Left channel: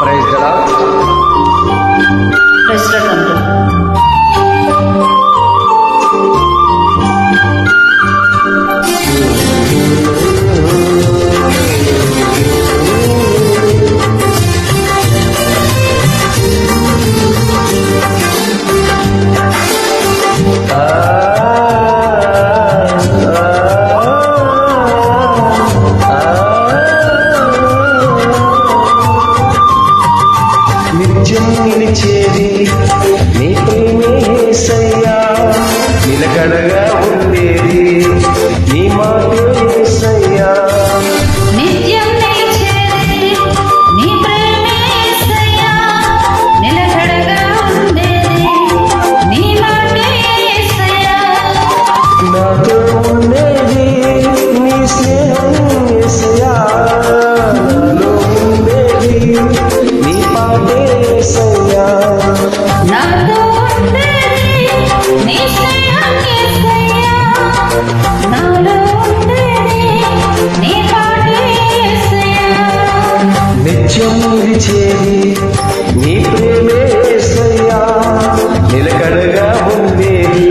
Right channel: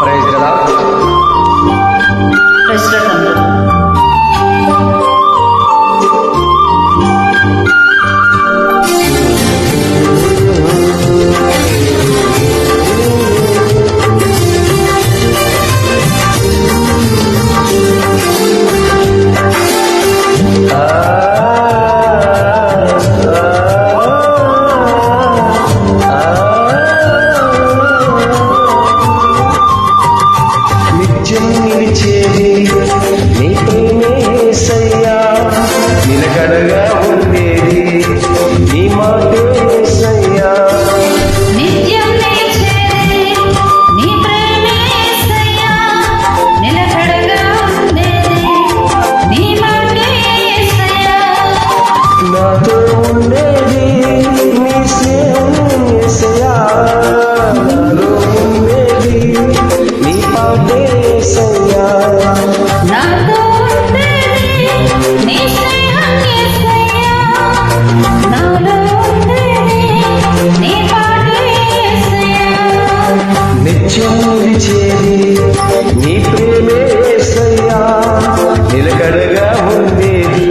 Praise the Lord. Praise the Lord. నిత్యం నిలిచేది నీ ప్రేమే యేసయ్యా, నిలకడగా ఉండేది నీ మాటే యేసయ్యా. నిత్యం నిలిచేది నీ ప్రేమే యేసయ్యా, నిలకడగా ఉండేది నీ మాటే యేసయ్యా. నాతో ఉండేది నీ స్నేహం యేసయ్యా, నాలో ఉండేది నీ పాటే యేసయ్యా. నాతో ఉండేది నీ స్నేహం యేసయ్యా, నాలో ఉండేది నీ పాటే యేసయ్యా. నిత్యం నిలిచేది నీ ప్రేమే యేసయ్యా, నిలకడగా ఉండేది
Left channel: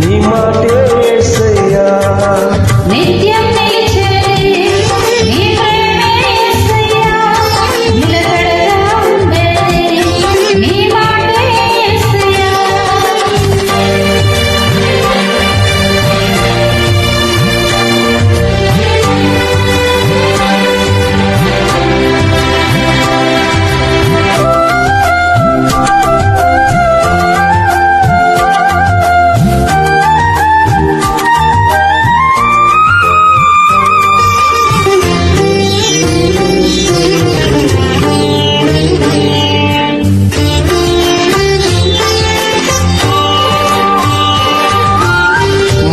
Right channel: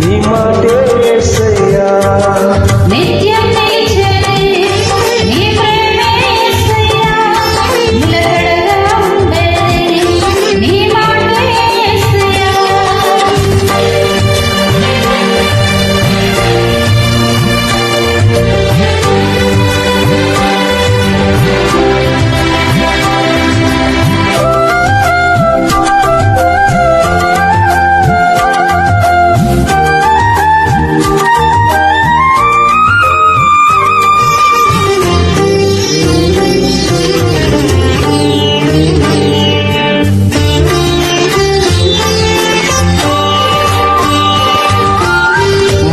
నీ మాటే యేసయ్యా. నిత్యం నిలిచేది నీ ప్రేమే యేసయ్యా, నిలకడగా ఉండేది నీ మాటే యేసయ్యా.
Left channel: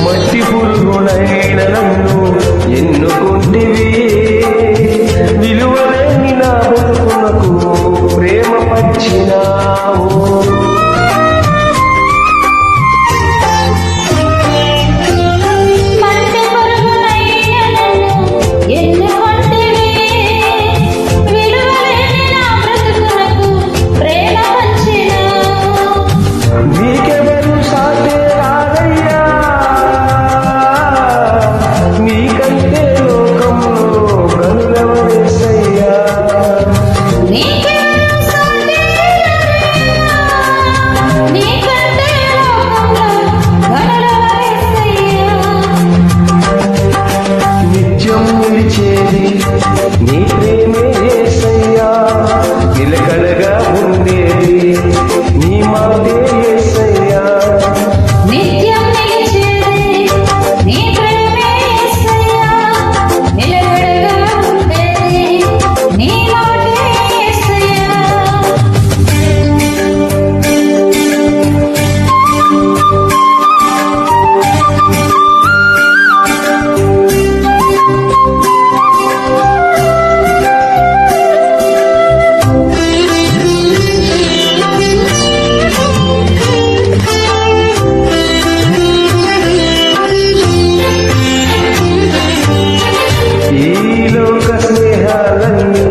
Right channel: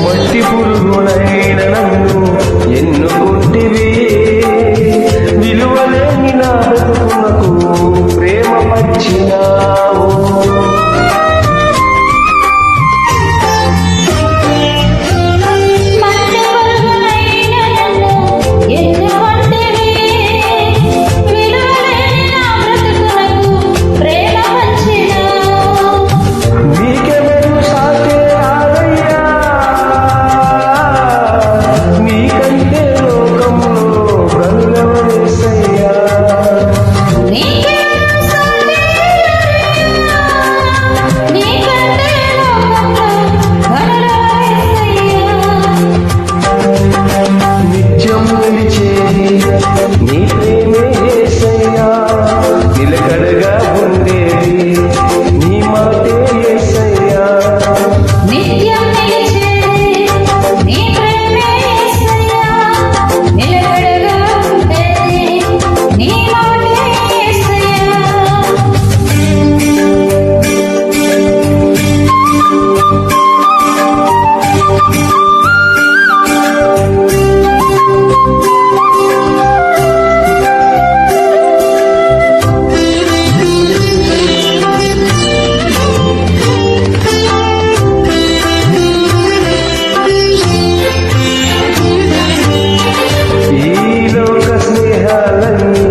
మట్టి పురుగునైన నన్ను ఎన్నుకుంటివి, విలువలేని నా బ్రతుకునకు ప్రేమ పచ్చినావు. మట్టి పురుగునైన నన్ను ఎన్నుకొంటివి, విలువలేని నా బ్రతుకునకు ప్రేమ పంచినావు. నీకెవరు సాటే రాదయ్యా, నీకంటే లోకంలో గనులవనేసయ్యా. నీకెవరు సాటి లేరయ్యా, నీకంటే లోకంలో ఘనులవరేసయ్యా. నిత్యం నిలిచేది నీ ప్రేమే యేసయ్యా, నిలకడగా ఉండేది నీ మాటే యేసయ్యా. నిత్యం నిలిచేది నీ ప్రేమే యేసయ్యా, నిలకడగా ఉండేది నీ మాటే యేసయ్యా. ఈ లోక స్నేహాలన్నీ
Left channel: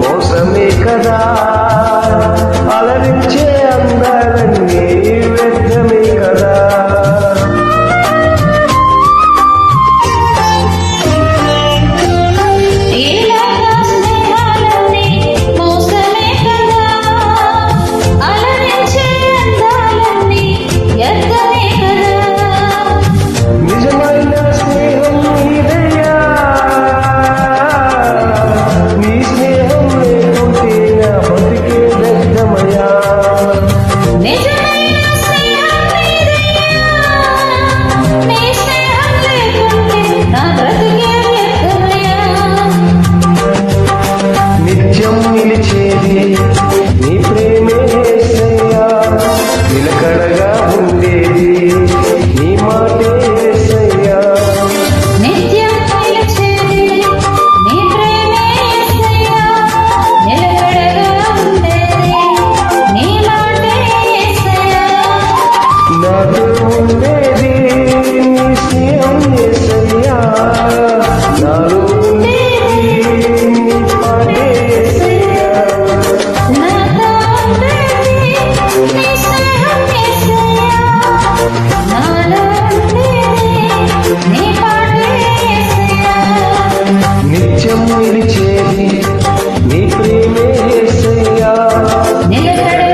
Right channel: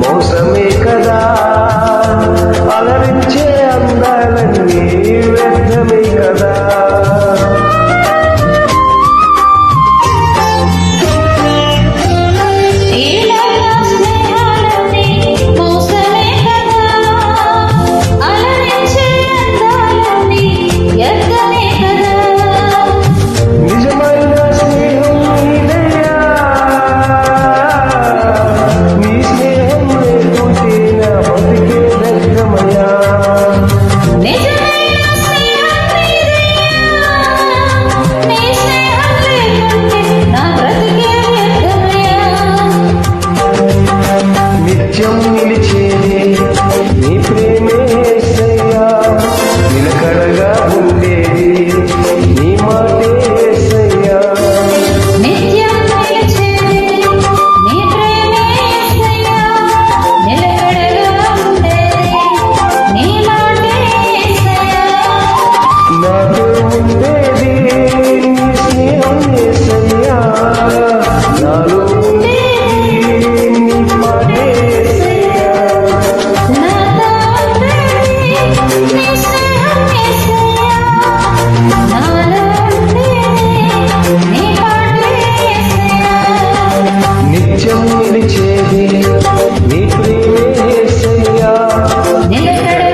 మోసమే కదా, అలరించే అందాలన్నీ వ్యర్థమే కదా. ఈ లోక స్నేహాలన్నీ మోసమే కదా, అలరించే అందాలన్నీ వ్యర్థమే కదా. నిజమైన స్నేహం నీదయ్యా, నీ స్నేహం లేకుంటే నా బతికే వ్యర్థమయ్యా. నిజమైన స్నేహం నీదయ్యా, నీ స్నేహం లేకుంటే నా బ్రతికే వ్యర్థమయ్యా. నిత్యం నిలిచేది నీ ప్రేమే యేసయ్యా, నిలకడగా ఉండేది నీ మాటే యేసయ్యా. నిత్యం నిలిచేది నీ ప్రేమే యేసయ్యా, నిలకడగా ఉండేది నీ మాటే యేసయ్యా. నాతో ఉండేది నీ స్నేహం యేసయ్యా, నాలో ఉండేది నీ పాటే యేసయ్యా. నిత్యం నిలిచేది నీ ప్రేమే యేసయ్యా నిలకడగా